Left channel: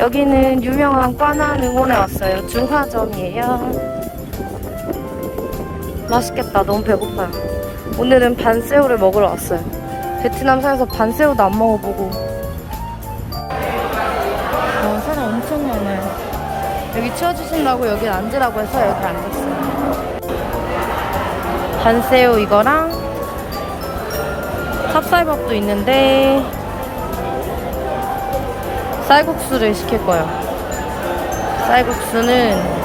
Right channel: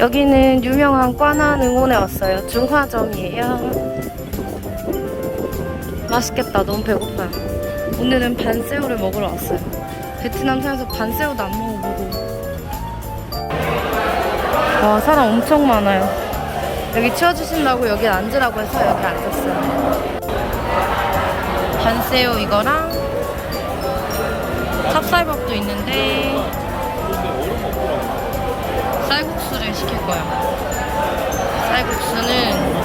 여기는 유명한 꽈난 응원에 왔어요. 중화점이에요. 맛있겠다. 너무 배고파요. 오늘은 반새우를 먹으러 왔어요. 베트남 사에서 반새우도 안 먹어보고. 와, 사람 엄청 많아요. 여기 치워주신다고 여기 앉으라고 해서 여기 앉았어요. 반새우 이거랑 찹쌀밥도 있는데 쌀국수를 시킬 거야. 쌀국수는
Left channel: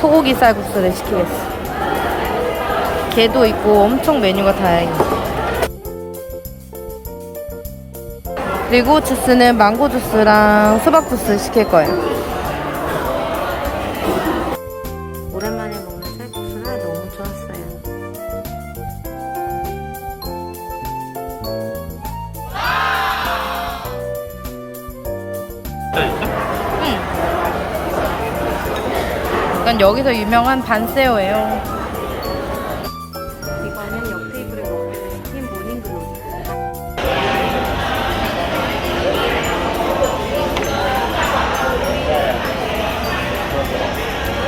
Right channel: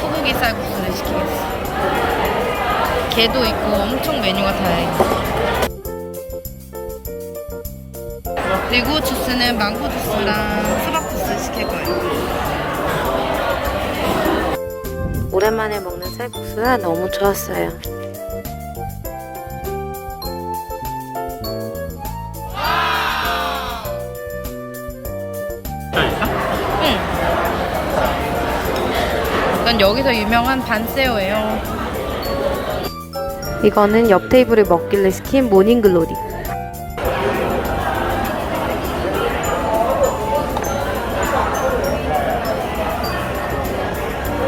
소고기 쌀국수를 시키겠어. 게도 있고 엄청 메뉴가 다양해. 그리고 주스는 망고 주스랑 수박 주스 시킬 거예요. 오랜만에 먹는 쌀국수가 너무 좋았어요. 이건 여기서 유명한 반새우예요. 이거는 옆 테이블에 먹길래 시킨 모닝글로리.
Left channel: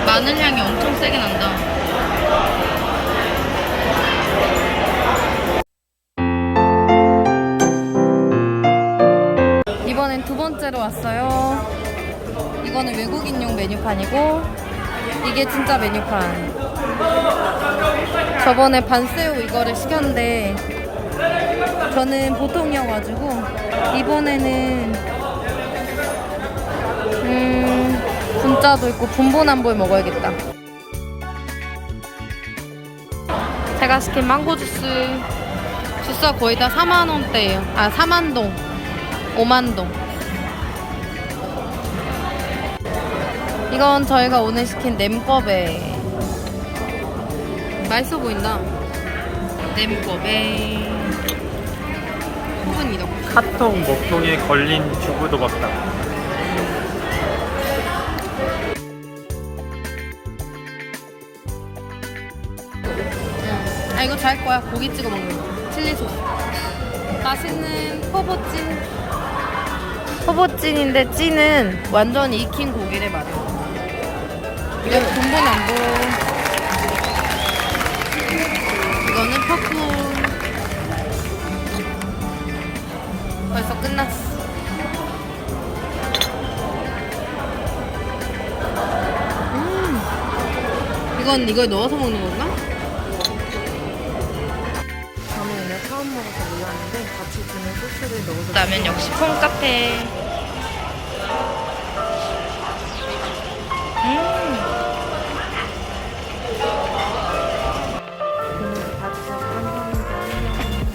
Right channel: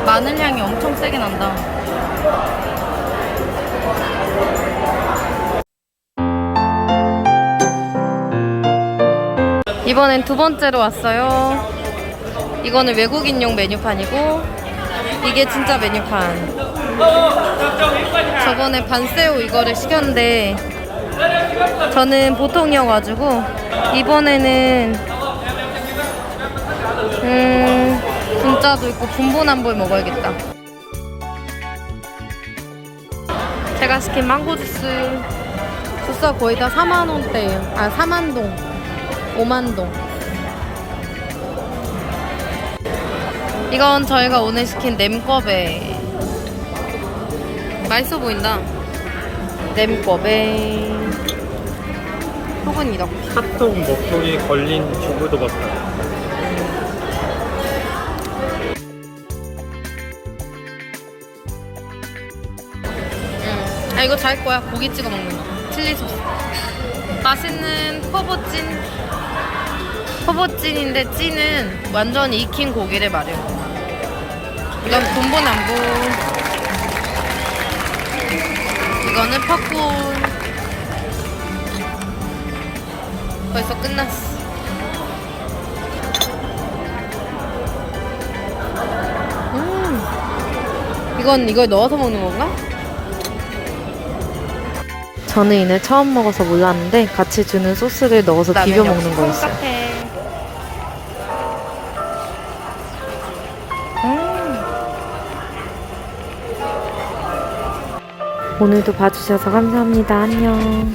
마늘 향이 엄청 세게 난다. 이번엔 두 번째로 왔어요. 이거는 외국인용 메뉴판이고 이게 진짜 메뉴판. 저번에 반새우 이거를 시켰는데 저는 보통이어가지고 이번에는 음 분짜도 있고 분보남볼 먹어야겠다. 제가 시킨 망고 주스 주스가 거의 다 4만 원대예요. 아 4만 동, 5만 동. 이건 저희가 오늘 시킨 냄꺼베. 맛있어 보인다. 냄꺼베. 속은 이렇게. 카톡 목동에 걸린 주부도 같다. 응. 아 이거 잘 거야. 고기 찍어 먹는 거. 칠리 소스. 맛있는 포보찐. 포보찐인데 찐은 완전히 익힌 고기를 말해요. 이건 돈보남보. 이거는 팝콘. 벌써 끝났어. 음. 이건 이걸 넣어서 먹는 건가? 저는 이날 처음 먹어서 몰랐는데 같이 주는 소스를 넣어서 비벼 먹는 거였어요. 같아. 오늘도 봐주셔서 감사합니다. 안녕.